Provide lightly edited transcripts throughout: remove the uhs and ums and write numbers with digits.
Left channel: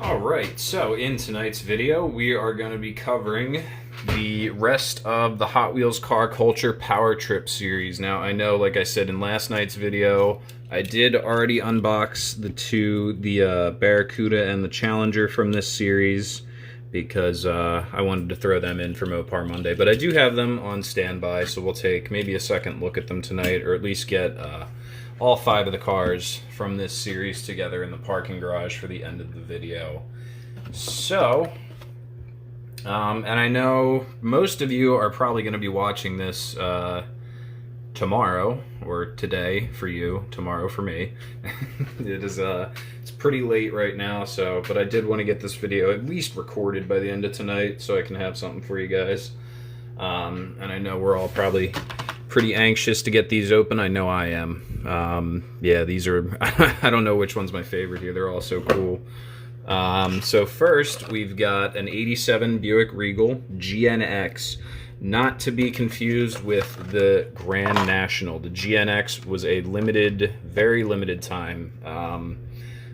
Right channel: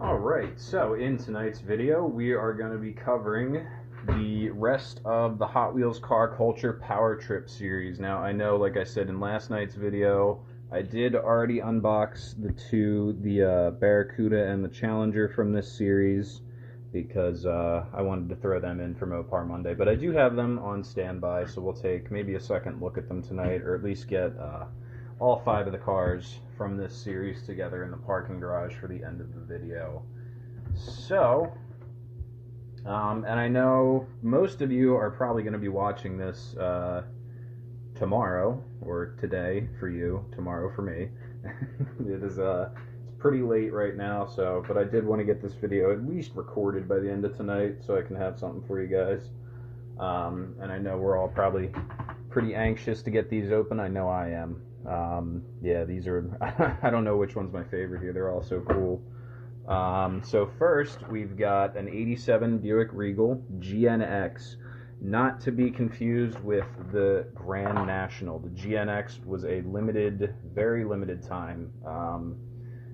Alright, so in tonight's video, we are going to be covering the rest of the Hot Wheels Car Culture Power Trip series. Now, I know, like I said in last night's video, I did already unbox the Barracuda and the Challenger from this series because I wanted to throw them in for Mopar Monday. But I do have them on standby, so we'll take maybe a second look at them tonight, or at least get all 5 of the cars from this series together in the parking garage for the end of the video. So, and I know most of you are probably going to be watching this tomorrow, or today for you, tomorrow for me. It's pretty late right now, so, but I did want to get this video at least recorded by the end of tonight so I can have something for you guys. And I know we're all probably pretty anxious to get these open. I know I am. Yeah, these are, I don't know which one's my favorite here. They're all so cool. So first, we've got an 87 Buick Regal GNX, not to be confused with the Grand National. The GNX was a limited, very limited time.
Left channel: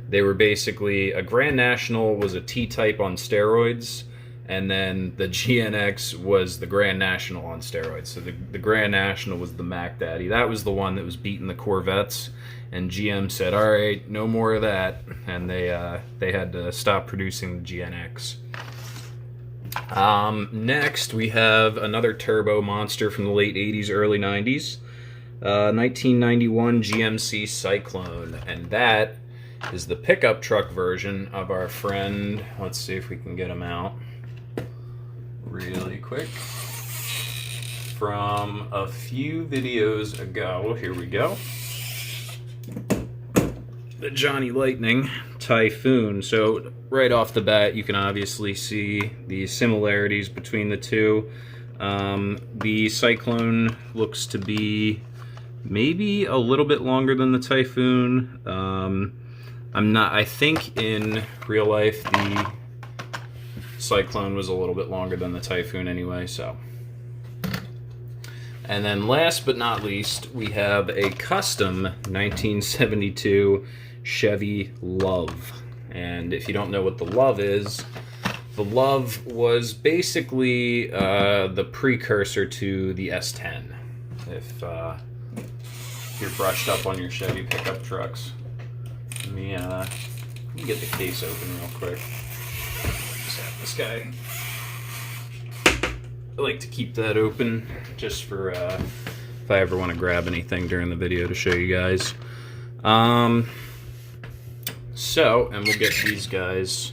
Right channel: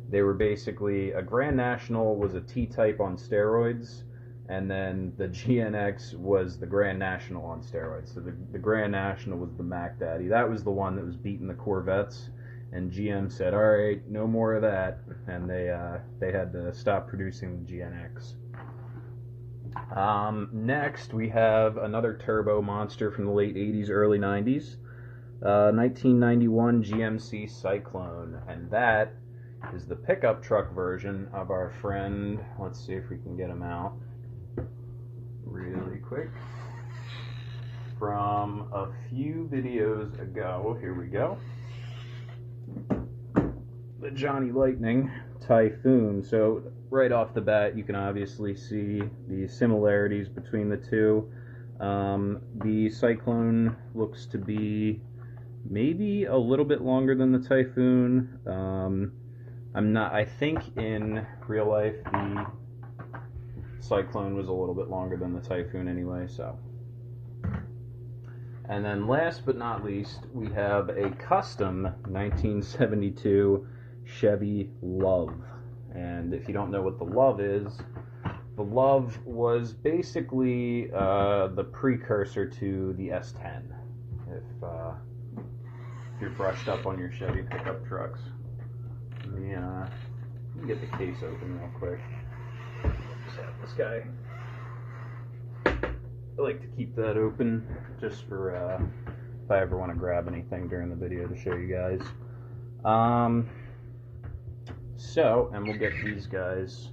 They were basically, a Grand National was a T-Type on steroids, and then the GNX was the Grand National on steroids. So the Grand National was the Mac Daddy. That was the one that was beating the Corvettes, and GM said, all right, no more of that, and they had to stop producing the GNX. Next, we have another turbo monster from the late 80s, early 90s, 1991 GMC Cyclone, and that is the pickup truck version of our friend. Let's see if we can get him out really quick. From a few videos ago, here we go. The Johnny Lightning Typhoon. So right off the bat, you can obviously see the similarities between the two. The Cyclone looks to be maybe a little bit longer than the Typhoon. I think in real life the Cyclone was a little bit longer than the Typhoon anyway, so. And then last but not least, we have a custom 1972 Chevy Love. And if you don't know what the Love is, the Love was basically the precursor to the S10. If you're brushed up on your Chevy pickup trucks. Let me get the case open real quick. Just have this guy. I like to keep that open just for if I ever want to grab anything during the video to show you guys. So, and we'll get these guys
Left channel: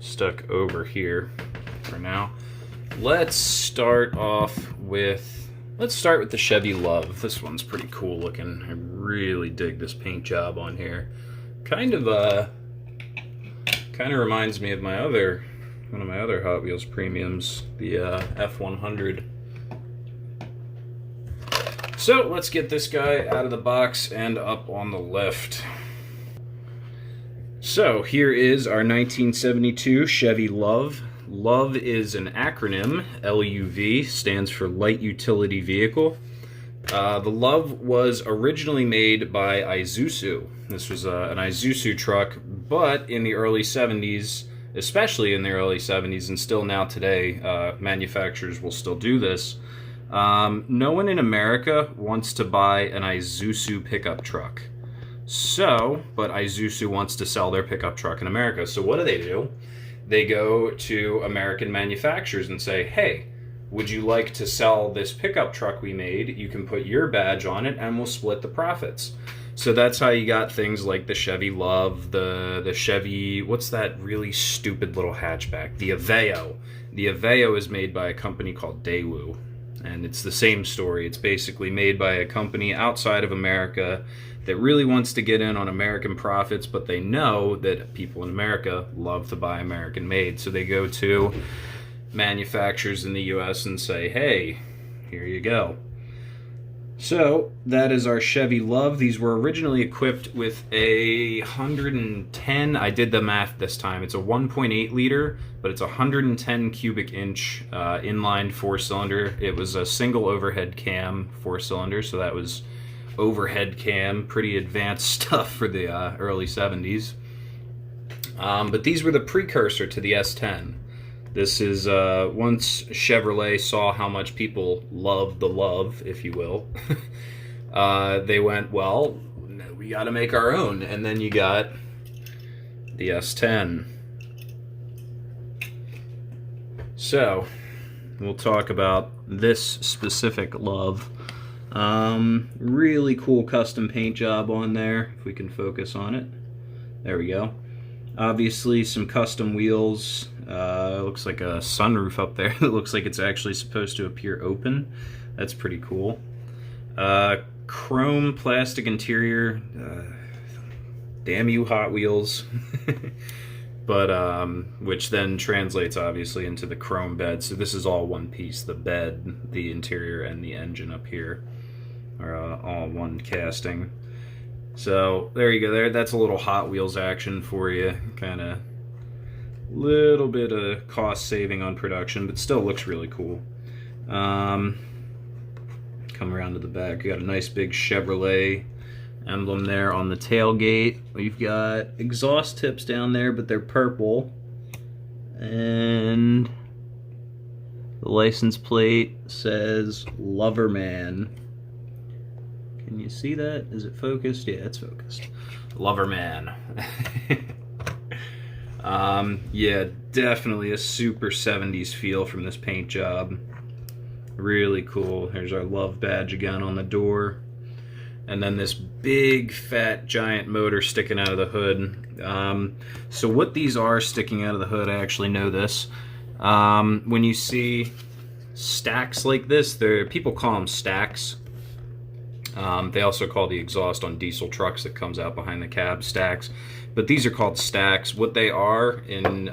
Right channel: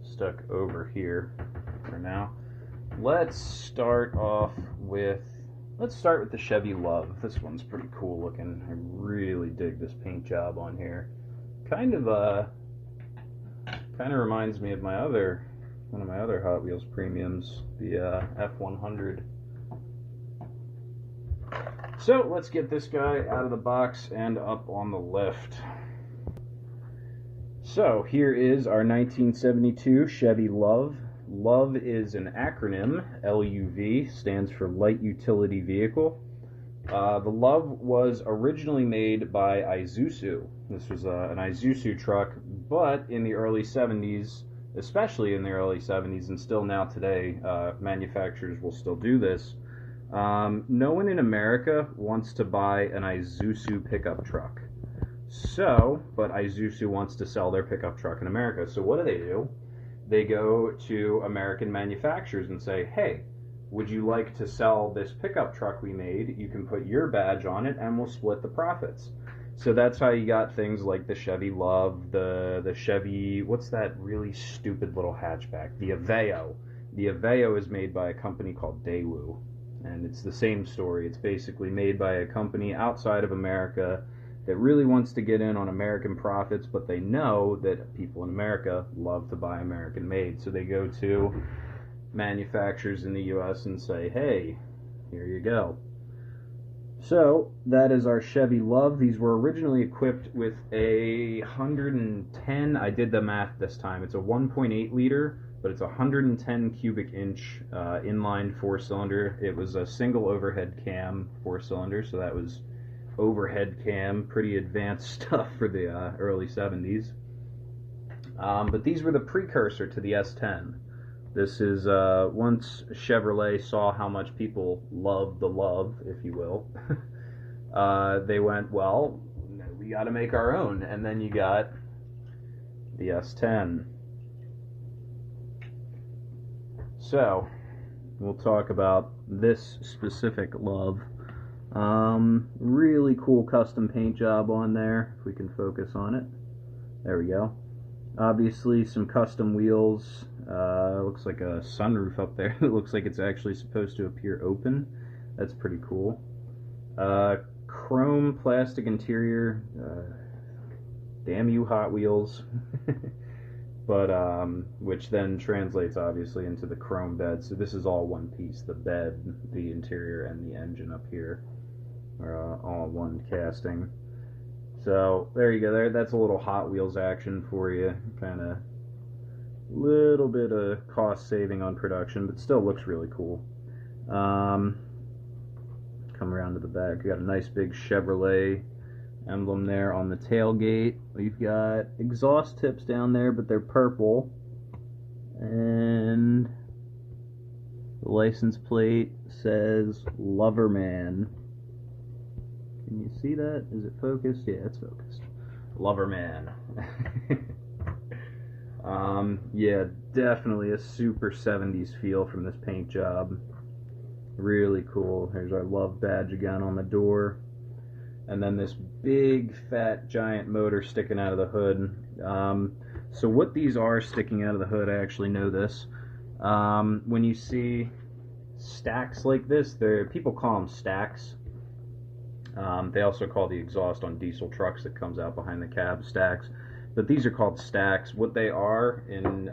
stuck over here for now. Let's start with the Chevy Love. This one's pretty cool looking. I really dig this paint job on here. Kind of reminds me of one of my other Hot Wheels premiums, the F100. So let's get this guy out of the box and up on the lift. So here is our 1972 Chevy Love. Love is an acronym. LUV stands for Light Utility Vehicle. The Love was originally made by Isuzu. This was an Isuzu truck, but in the early 70s, especially in the early 70s and still now today, manufacturers will still do this. No one in America wants to buy an Isuzu pickup truck. But Isuzu wants to sell their pickup truck in America. So what do? They go to American manufacturers and say, hey, would you like to sell this pickup truck we made? You can put your badge on it and we'll split the profits. So that's how you got things like the Chevy Love, the Chevy, what's that really stupid little hatchback? The Aveo. The Aveo is made by a company called Daewoo. And it's the same story. It's basically made by a company outside of America that really wants to get in on American profits, but they know that people in America love to buy American made. So they go to manufacturers in the US and say, hey, here you go. So that is our Chevy Love. These were originally equipped with a 110, I did the math this time, it's a 1.8 liter, but it's a 110 cubic inch inline 4-cylinder. It was a single overhead cam 4-cylinder, so that was overhead cam, pretty advanced stuff for the early 70s. But these were the precursor to the S10. This is once Chevrolet saw how much people loved the Love, if you will. They went, well, we got to make our own, and then you got the S10. So we'll talk about this specific Love. Really cool custom paint job on there, if we can focus on it. There we go. Obviously some custom wheels. Looks like a sunroof up there. It looks like it's actually supposed to appear open. That's pretty cool. Chrome plastic interior. Damn you, Hot Wheels. But which then translates obviously into the chrome bed. So this is all one piece. The bed, the interior, and the engine up here are all one casting. So there you go. There, that's a little Hot Wheels action for you. Kind of little bit of cost saving on production, but still looks really cool. Come around to the back. You got a nice big Chevrolet emblem there on the tailgate. We've got exhaust tips down there, but they're purple. And the license plate says Loverman. Can you see that? Is it focused? Yeah, it's focused. Loverman. Yeah, definitely a super 70s feel from this paint job. Really cool. Here's our Love badge again on the door. And then this big, fat, giant motor sticking out of the hood. So what these are sticking out of the hood, I actually know this. When you see stacks like this, people call them stacks. They also call the exhaust on diesel trucks that comes out behind the cab stacks. But these are called stacks. What they are in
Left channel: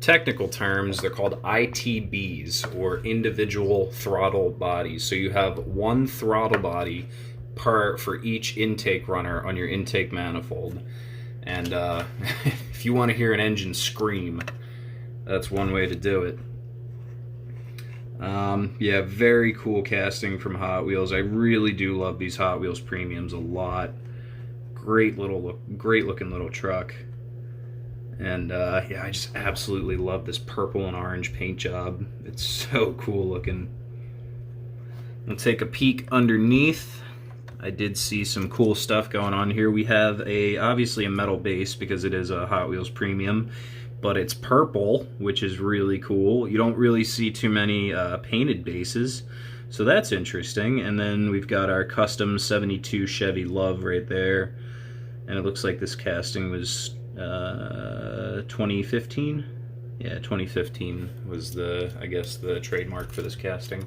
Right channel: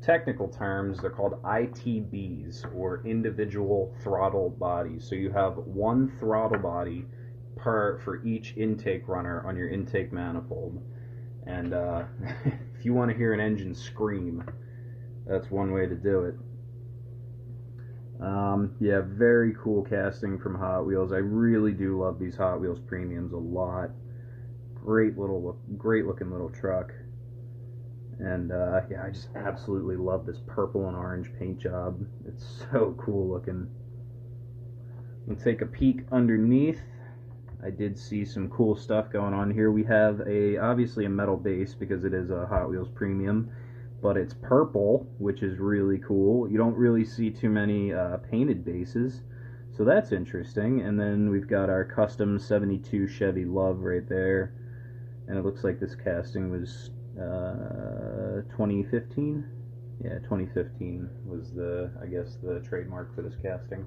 technical terms, they're called ITBs, or individual throttle bodies. So you have one throttle body for each intake runner on your intake manifold. And if you want to hear an engine scream, that's one way to do it. Yeah, very cool casting from Hot Wheels. I really do love these Hot Wheels premiums a lot. Great looking little truck. And yeah, I just absolutely love this purple and orange paint job. It's so cool looking. We'll take a peek underneath. I did see some cool stuff going on here. We have obviously a metal base because it is a Hot Wheels premium, but it's purple, which is really cool. You don't really see too many painted bases, so that's interesting. And then we've got our custom 72 Chevy Love right there, and it looks like this casting was 2015. Yeah, 2015 was I guess the trademark for this casting.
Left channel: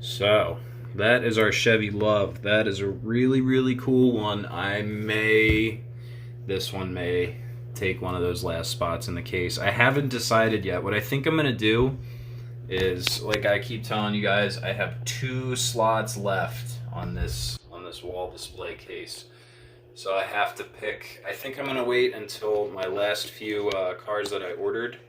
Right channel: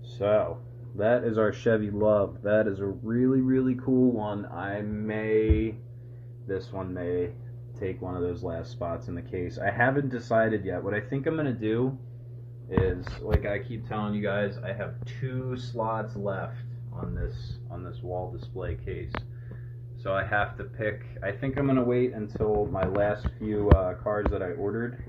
So that is our Chevy Love. That is a really, really cool one. This one may take one of those last spots in the case. I haven't decided yet. What I think I'm gonna do is, like I keep telling you guys, I have 2 slots left on this wall display case. So I have to pick. I think I'm gonna wait until my last few cars that I ordered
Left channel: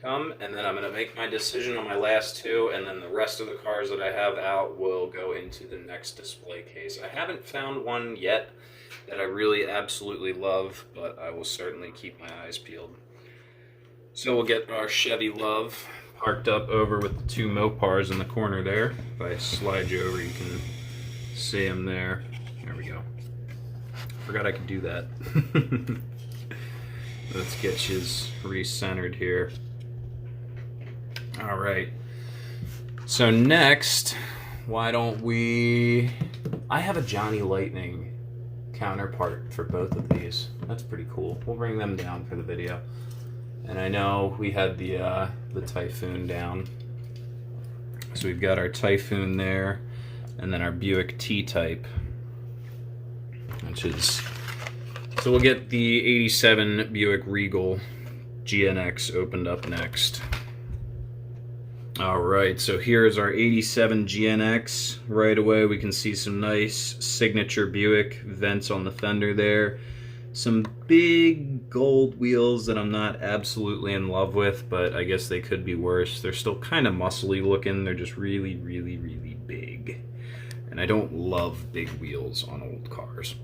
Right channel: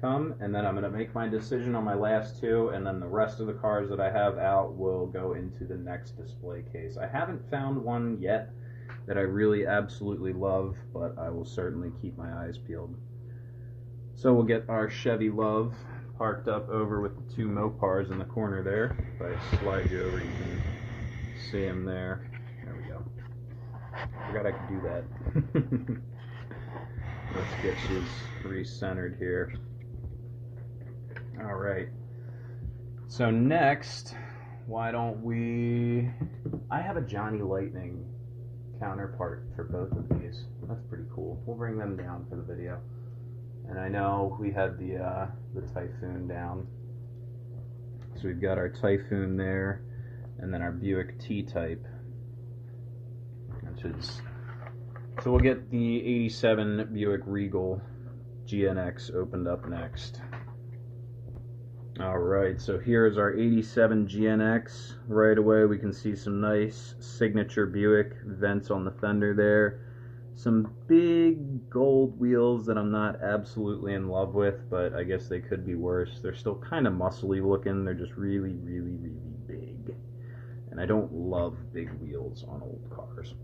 come, and then I'm gonna make my decision on my last 2, and then the rest of the cars that I have out will go into the next display case. I haven't found one yet that I really absolutely love, but I will certainly keep my eyes peeled. So we'll get our Chevy Love parked up over with the 2 Mopars in the corner there. If I slide you over, you can see them there. There we go. Forgot I could do that. Let's get you re-centered here. All right. So next, why don't we... I have a Johnny Lightning counterpart for both of these. That's pretty cool. We'll bring them down for the video. And I know we had the Typhoon down. So we've got our Typhoon there, and then our Buick T-Type, which is... So we'll get the 87 Buick Regal GNX opened up next. Alright, so here's our 87 GNX. Right away we can see some nice signature Buick vents on the fender there. Some big gold wheels that I'm not absolutely in love with, but I guess they could be worse. They're still kind of muscly looking. They're just really, really, really big. And I don't love big wheels on old cars.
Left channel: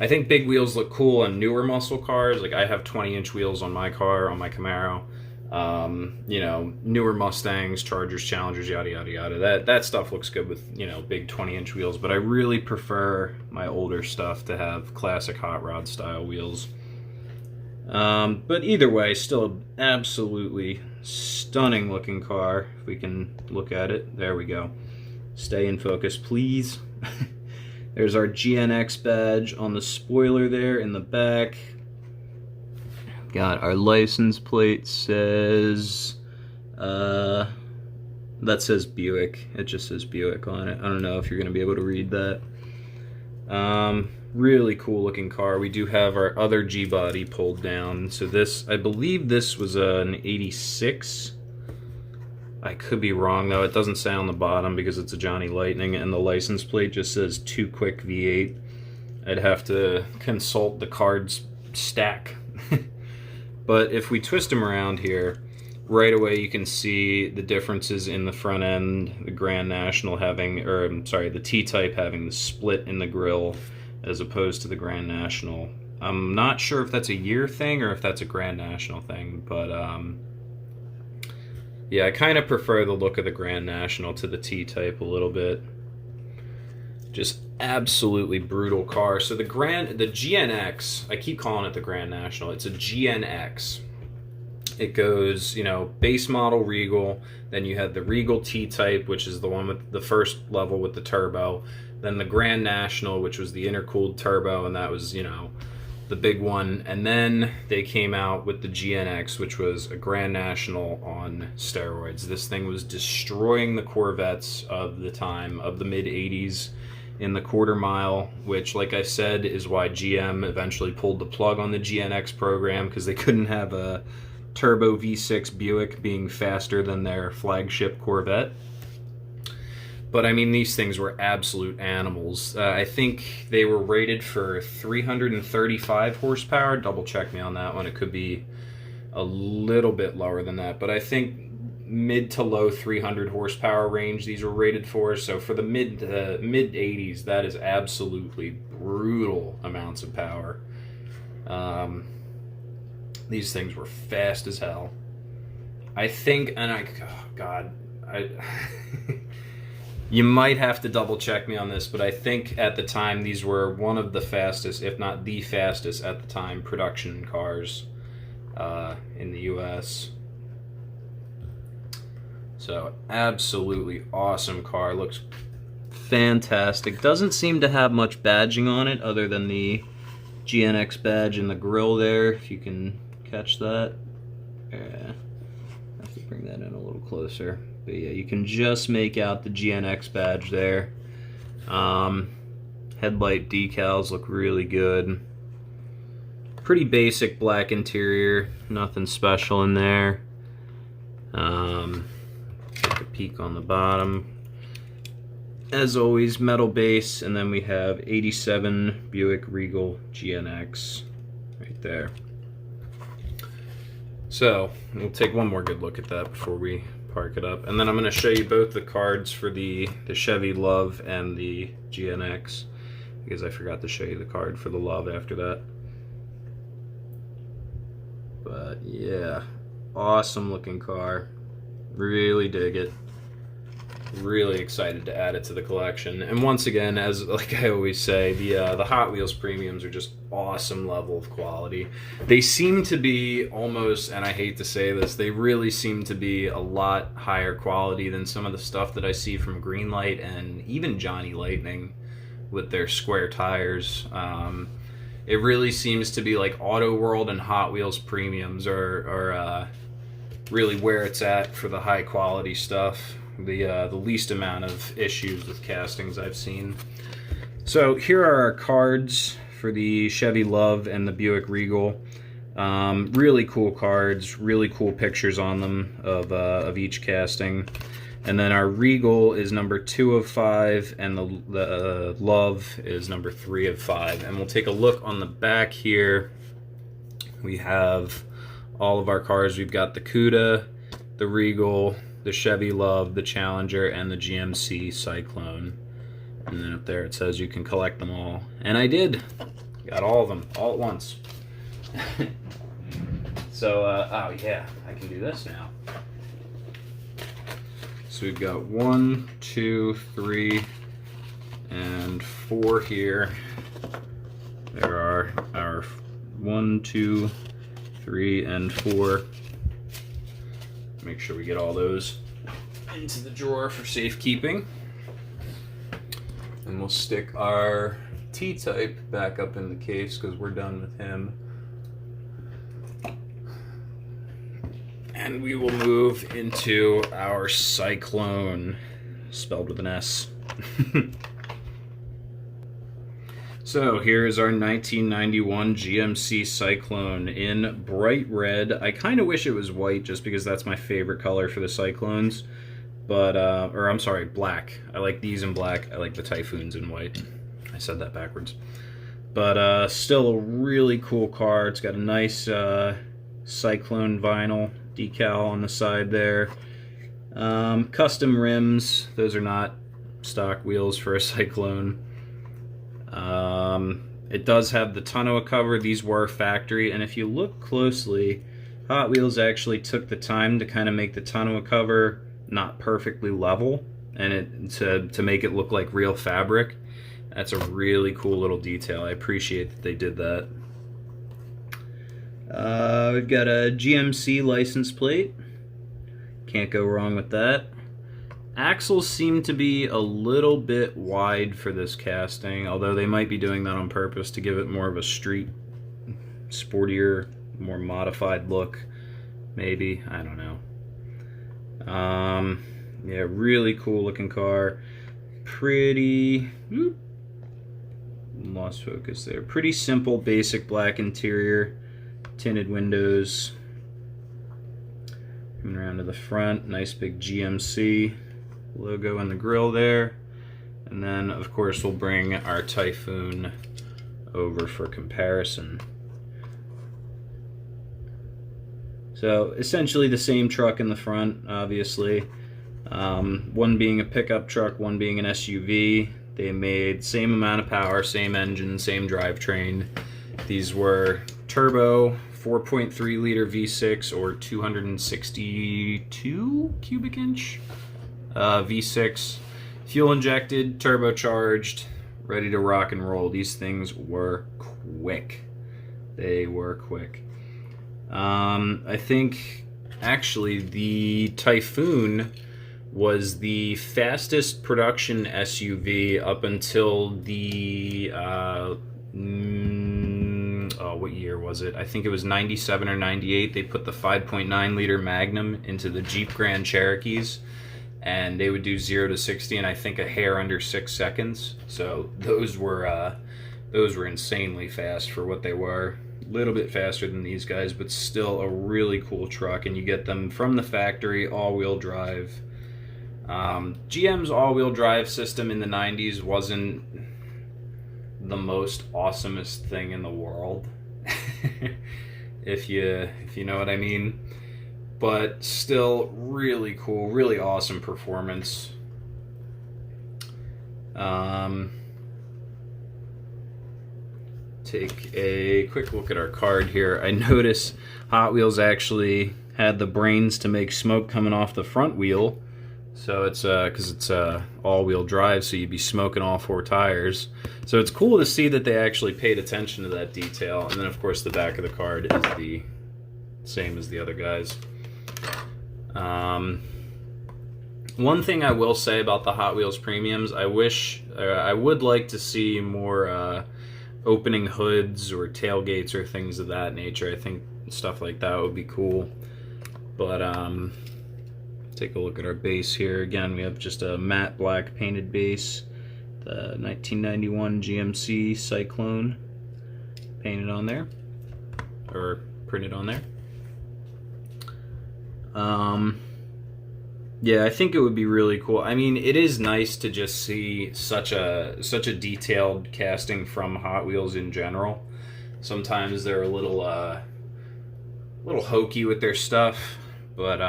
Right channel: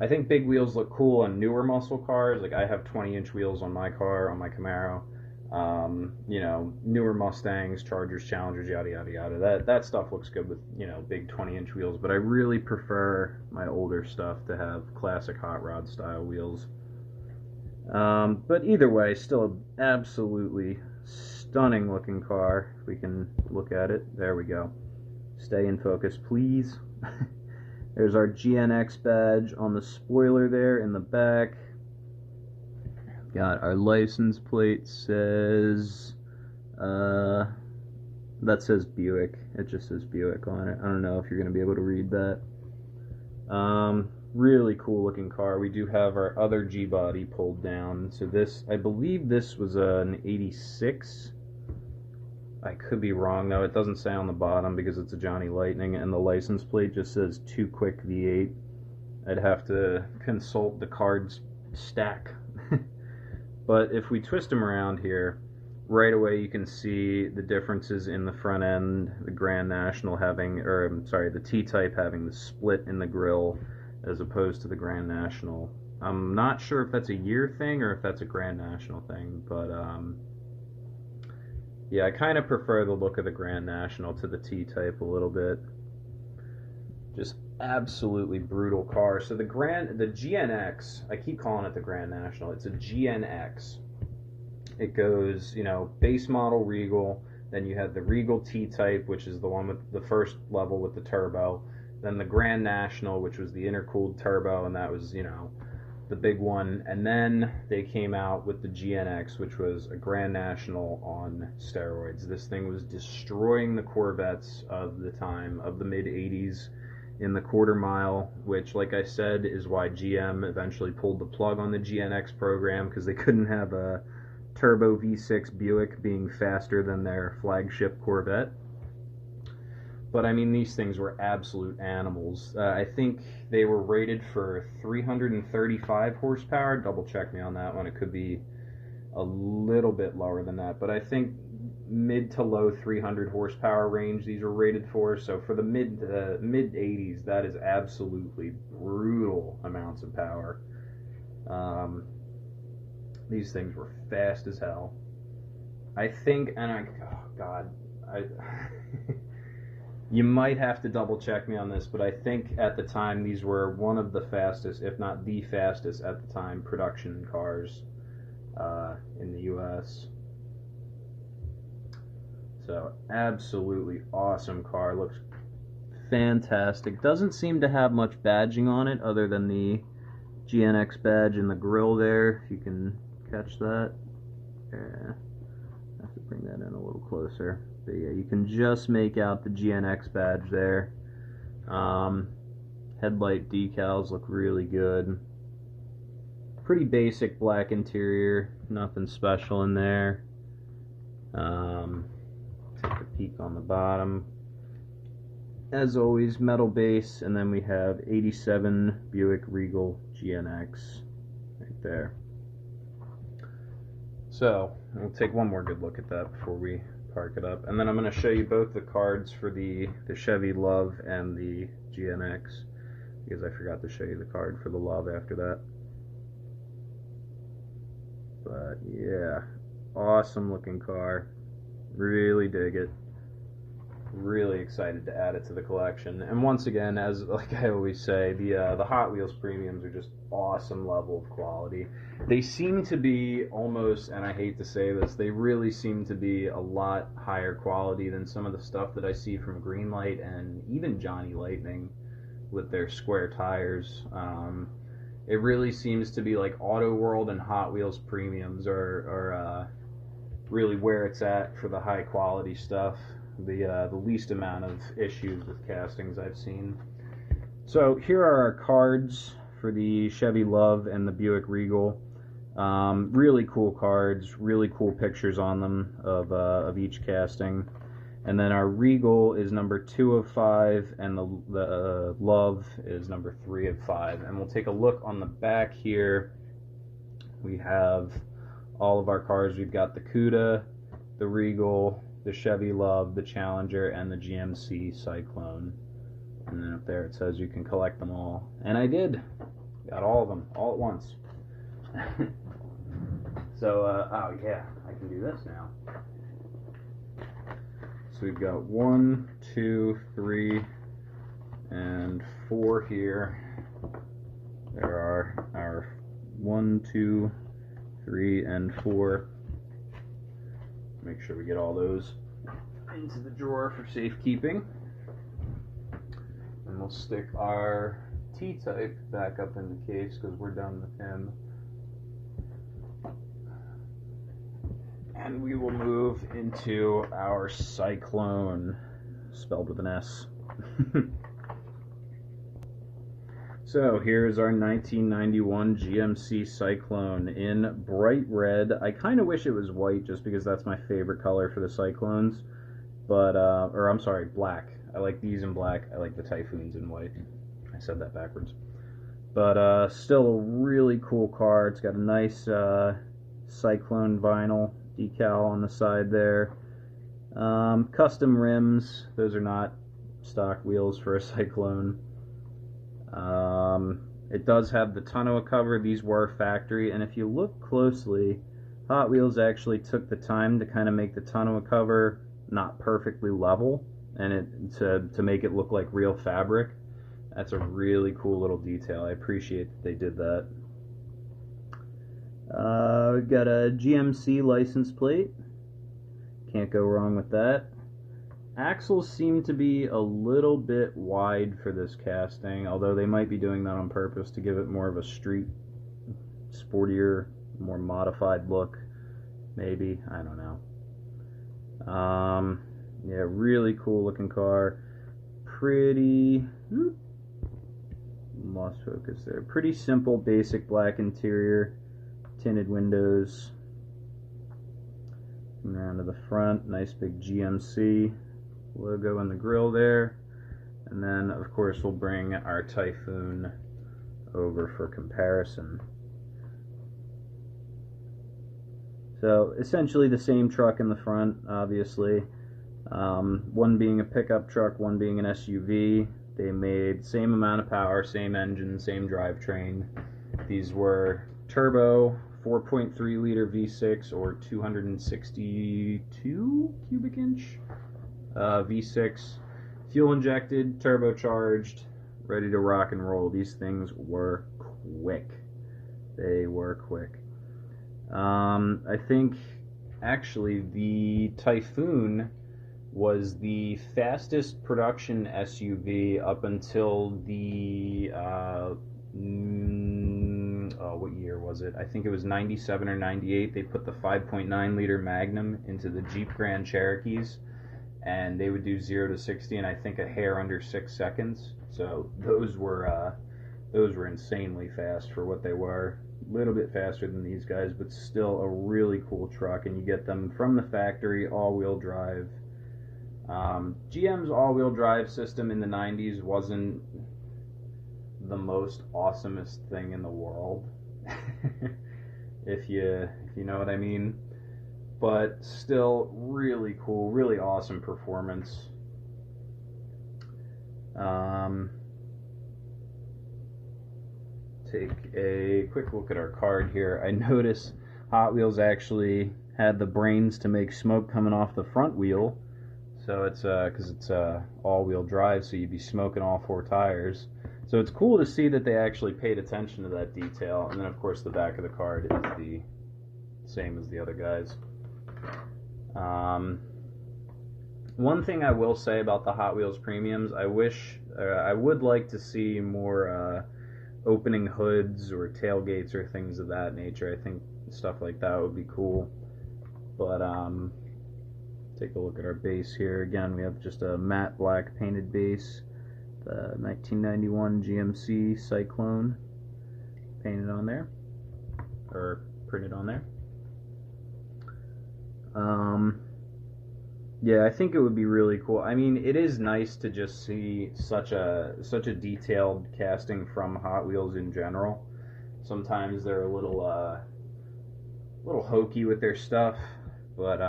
I think big wheels look cool on newer muscle cars. Like I have 20-inch wheels on my car, on my Camaro. You know, newer Mustangs, Chargers, Challengers, yada yada yada. That stuff looks good with, you know, big 20-inch wheels. But I really prefer my older stuff to have classic hot rod style wheels. But either way, still an absolutely stunning looking car. If we can look at it, there we go. Stay in focus, please. There's our GNX badge on the spoiler there in the back. Got our license plate says, that says Buick. It just says Buick on it. I don't know if you're going to be able to read that. Really cool looking car. We do have our other G-body pulled down. So this, I believe this was an 86. I could be wrong though. It doesn't say on the bottom because it's a Johnny Lightning, and the license plate just says 2 Quick V8. I'd have to consult the cards stack. But if we twist them around here, right away you can see the differences in the front end. The Grand National having, or I'm sorry, the T-Type having the split in the grille as opposed to the Grand National. I'm not sure if that's a year thing or if that's a Grand National thing, but yeah, I kind of prefer the look of the Grand National to the T-Type a little bit. Just absolutely brutal car. So the GNX, I keep calling it the Grand National. It's a GNX. It goes, you know, base model Regal, then you had the Regal T-Type, which is the one with the first level with the turbo, then the Grand National, which was the intercooled turbo, and that was, you know, the big one. And then they came out with the GNX, which was a Grand National on steroids. This thing was destroying the Corvettes of the time, of the mid-80s, in the quarter mile, which, like I said, is why GM eventually pulled the plug on the GNX program, because they couldn't have a turbo V6 Buick being faster than their flagship Corvette. But I mean, these things were absolute animals. I think they were rated for 335 horsepower. Double check me on that one. It could be a little bit lower than that, but I think mid to low 300 horsepower range these were rated for. So for the mid 80s, that is absolutely brutal amounts of power. These things were fast as hell. I think, and oh God, you might have to double check me on this, but I think at the time these were one of the fastest, if not the fastest at the time, production cars in the US. So absolutely awesome car. Looks fantastic. Doesn't seem to have much badging on it other than the GNX badge in the grille there, if you can catch that. Yeah, I have to bring that in a little closer. But yeah, you can just make out the GNX badge there. Headlight decals look really good. Pretty basic black interior, nothing special in there. Take a peek on the bottom. As always, metal base, and then we have 87 Buick Regal GNX right there. So we'll take one more good look at that before we park it up, and then I'm going to show you both the cards for the Chevy Love and the GNX, because I forgot to show you the card for the Love after that. But yeah, awesome looking car. Really dig it. Really excited to add it to the collection. And once again, as like I always say, the Hot Wheels premiums are just awesome level of quality. They seem to be almost, and I hate to say this, they really seem to be a lot higher quality than some of the stuff that I see from Greenlight and even Johnny Lightning with their square tires. It really seems to be like Auto World and Hot Wheels premiums are really where it's at for the high quality stuff. The least amount of issues with castings I've seen. So here are our cards for the Chevy Love and the Buick Regal. Really cool cards, really cool pictures on them of each casting. And then our Regal is number 2 of 5, and the Love is number 3 of 5. And we'll take a look on the back here. We have all of our cars. We've got the Cuda, the Regal, the Chevy Love, the Challenger, and the GMC Cyclone. And then up there it says you can collect them all. And I did. Got all of them all at once. So, oh yeah, I can do this now. So we've got 1, 2, 3, and 4 here. There are our 1, 2, 3, and 4. Make sure we get all those into the drawer for safekeeping. And we'll stick our T-Type back up in the case because we're done with him. And we will move into our Cyclone, spelled with an S. So here is our 1991 GMC Cyclone in bright red. I kind of wish it was white just because that's my favorite color for the Cyclones. But, or I'm sorry, black. I like these in black. I like the Typhoons in white. I said that backwards. But still a really cool car. It's got a nice Cyclone vinyl decal on the side there. Custom rims. Those are not stock wheels for a Cyclone. It does have the tonneau cover. These were factory, and if you look closely, Hot Wheels actually took the time to kind of make the tonneau cover not perfectly level, and to make it look like real fabric. That's a really cool little detail. I appreciate that they did that. We've got a GMC license plate. Can't go wrong with that. Axles seem to be a little bit wide for this casting, although they might be doing that on purpose to give it more of a street, sportier, more modified look. Maybe, I don't know. Yeah, really cool looking car. Pretty, lost focus there. Pretty simple, basic black interior, tinted windows. Coming around to the front, nice big GMC logo in the grille there. And then, of course, we'll bring our Typhoon over for comparison. So, essentially the same truck in the front, obviously. One being a pickup truck, one being an SUV. They made same amount of power, same engine, same drivetrain. These were turbo 4.3 liter V6 or 262 cubic inch V6, fuel injected, turbocharged, ready to rock and roll. These things were quick. They were quick. I think actually the Typhoon was the fastest production SUV up until the what year was it? I think it was 97 or 98. They put the 5.9 liter Magnum into the Jeep Grand Cherokees, and they would do 0 to 60 in I think a hair under 6 seconds. So those were insanely fast for what they were. A little bit faster than these guys, but still a really cool truck, and you get them from the factory, all-wheel drive. GM's all-wheel drive system in the 90s wasn't the most awesomest thing in the world, if you know what I mean, but still really cool, really awesome performance. Take a quick look at our card here. I notice Hot Wheels actually had the brains to make smoke coming off the front wheel. So it's because it's all-wheel drive, so you'd be smoking all 4 tires. So it's cool to see that they actually paid attention to that detail. And then, of course, the back of the card is the same as the other guys. One thing I will say about the Hot Wheels Premiums, I would like to see more opening hoods or tailgates or things of that nature. I think stuff like that would be cool. But take a look at our base here. Again, we have just a matte black painted base. The 1991 GMC Cyclone painted on there, or printed on there. Yeah, I think it would be really cool. I mean, it is nice to just see such a detailed casting from Hot Wheels in general. Sometimes they're a little hokey with their stuff, but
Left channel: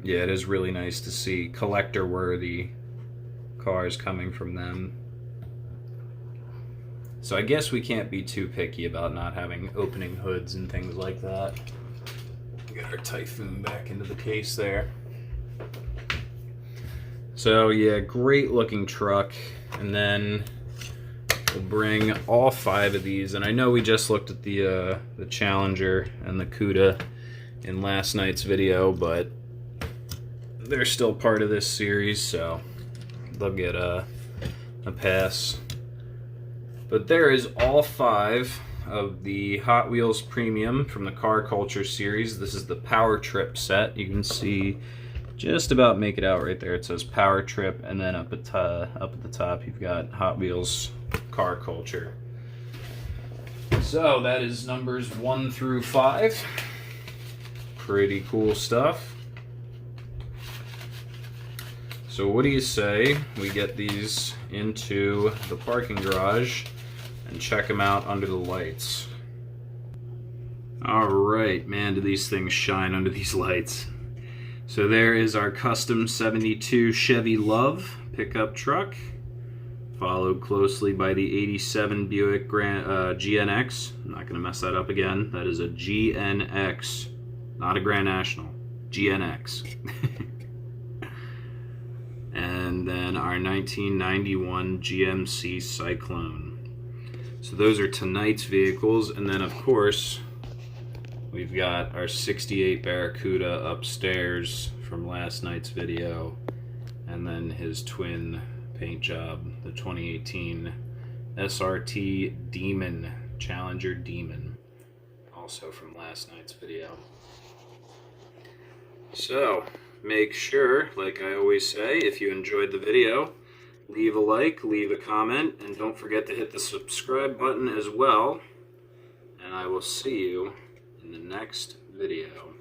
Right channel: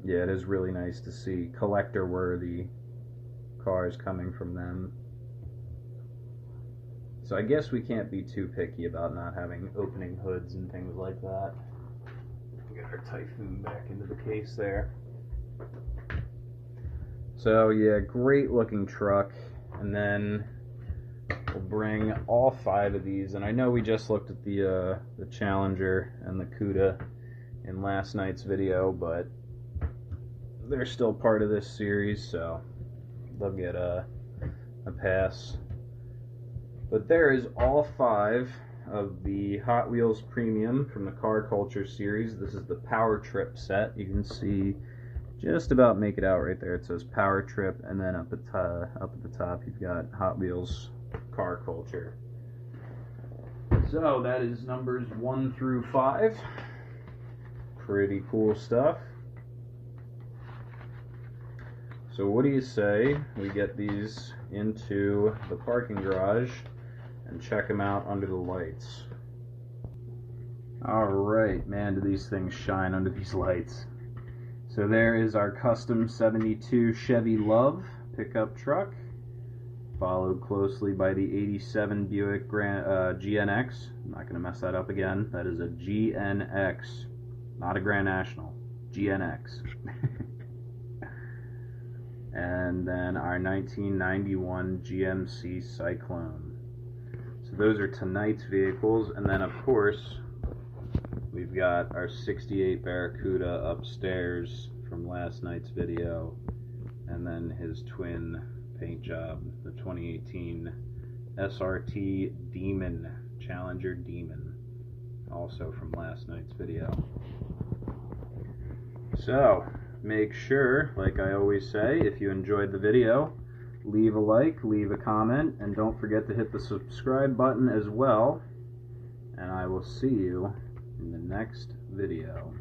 yeah, it is really nice to see collector-worthy cars coming from them. So I guess we can't be too picky about not having opening hoods and things like that. Get our Typhoon back into the case there. So yeah, great looking truck. And then we'll bring all 5 of these. And I know we just looked at the Challenger and the Cuda in last night's video, but they're still part of this series, so they'll get a pass. But there is all 5 of the Hot Wheels Premium from the Car Culture series. This is the Power Trip set. You can see just about make it out right there. It says Power Trip, and then up at the top you've got Hot Wheels Car Culture. So that is numbers 1 through 5. Pretty cool stuff. So what do you say we get these into the parking garage and check them out under the lights? Alright, man, do these things shine under these lights. So there is our custom 72 Chevy Love pickup truck, followed closely by the 87 Buick GNX. I'm not going to mess that up again. That is a GNX, not a Grand National. GNX. And then our 1991 GMC Cyclone. So those are tonight's vehicles, and then of course we've got our 68 Barracuda upstairs from last night's video, and then his twin paint job, the 2018 SRT Demon, Challenger Demon, also from last night's video. So make sure, like I always say, if you enjoyed the video, leave a like, leave a comment, and don't forget to hit the subscribe button as well. And I will see you in the next video.